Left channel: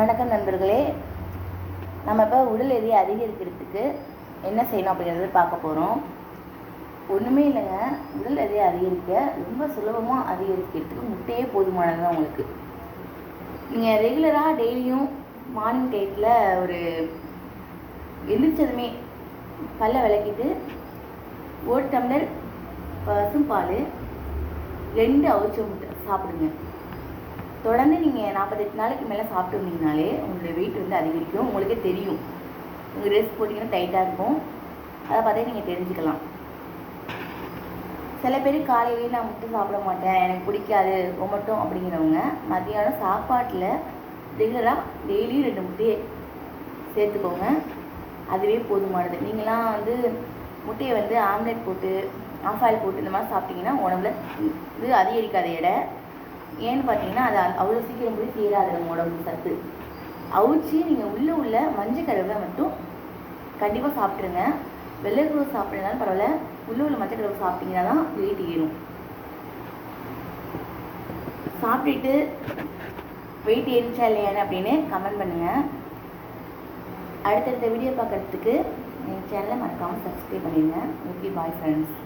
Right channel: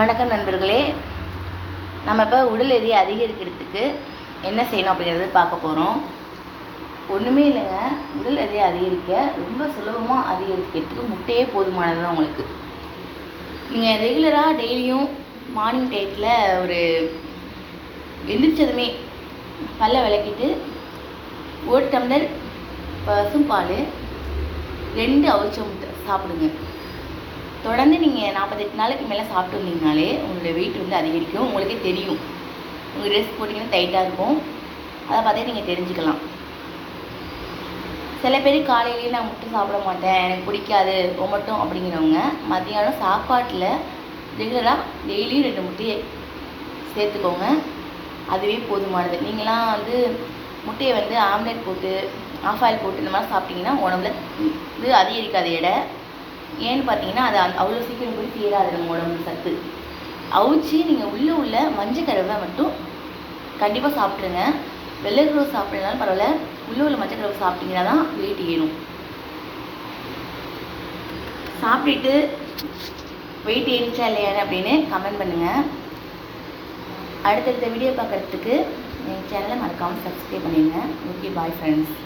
வணக்கம் நண்பர்களே, நம்ம இப்போ உடல் எடையை அதிகரிக்கிறதுக்கு என்ன செய்யணும் அப்படிங்கிறது பார்க்க போகிறோம். ஒன்றுமே இல்லைங்க, உடல் எடையை அதிகரிக்க ரொம்ப சுலபமாக அதிகரிக்கிறதுக்கு முட்டையே போதுமானது தான் உங்களுக்கு. நீங்கள் ரெகுலராக டெய்லியும் மார்னிங் டைத்தில் ஒரு எந்திரிச்சதுமே பல்லை விளக்கிட்டு 1 டம்ளர் பசும்பால் 2 அவிச்ச முட்டை சாப்பிடுங்க. தொடர்ந்து நீங்கள் 48 நாளைக்கு மேலே சாப்பிட்டு வந்தீங்கனாலே உங்களுடைய வெயிட் வந்து அதிகரிக்கும். உங்களுக்கே தெரியும். உங்கள் ட்ரெஸ் போட்டிங்கன்னா டைட்டாக இருக்கும். அதை பார்த்தே நீங்கள் தெரிஞ்சுக்கலாம். சில பேர் காலையிலேயே நான் முட்டை சாப்பிட மாட்டேன், எனக்கு பிடிக்காது ரொம்பட்டும் அப்படிங்கிறவங்க மத்தியானம் சாப்பாட்டில் ரெகுலராக டெய்லி 2 முட்டையை சேர்த்துக்கோங்க. அதுவே போதுமானது. நீங்களாம் வந்து முட்டையை வந்து ஆம்லெட் போட்டு ஆஃப் ஆயில் போட்டு இந்த மாதிரி சாப்பிட்டிங்கன்னா உடம்புல இது அதிகரிக்காத எடை. ஏன்னு பார்த்தீங்கன்னா அது அவ்வளோ சீக்கிரம் போய் சேராது நம்ம உடம்பு சத்து. அவிச்சு நீங்கள் உள்ள மஞ்சக்கருவை மட்டும் கண்டிப்பாக சாப்பிட்ருங்க. வெள்ளைக்கருவை சாப்பிட்றதுனாலும் பரவாயில்ல, உள்ள மஞ்சக்கருவை சாப்பிட்டீங்கன்னா தான் வெயிட் ஏறும். சாப்பிட்டுட்டு வெயிட் ஏறிச்சா இல்லையான்னு அப்படின்னு கமெண்ட் பண்ணுங்கள். அடுத்தடுத்த வீடியோ பார்க்குறதுக்கு என் சேனலை மறக்காமல் சப்ஸ்கிரைப் பண்ணிடுங்க. Okay, bye friends.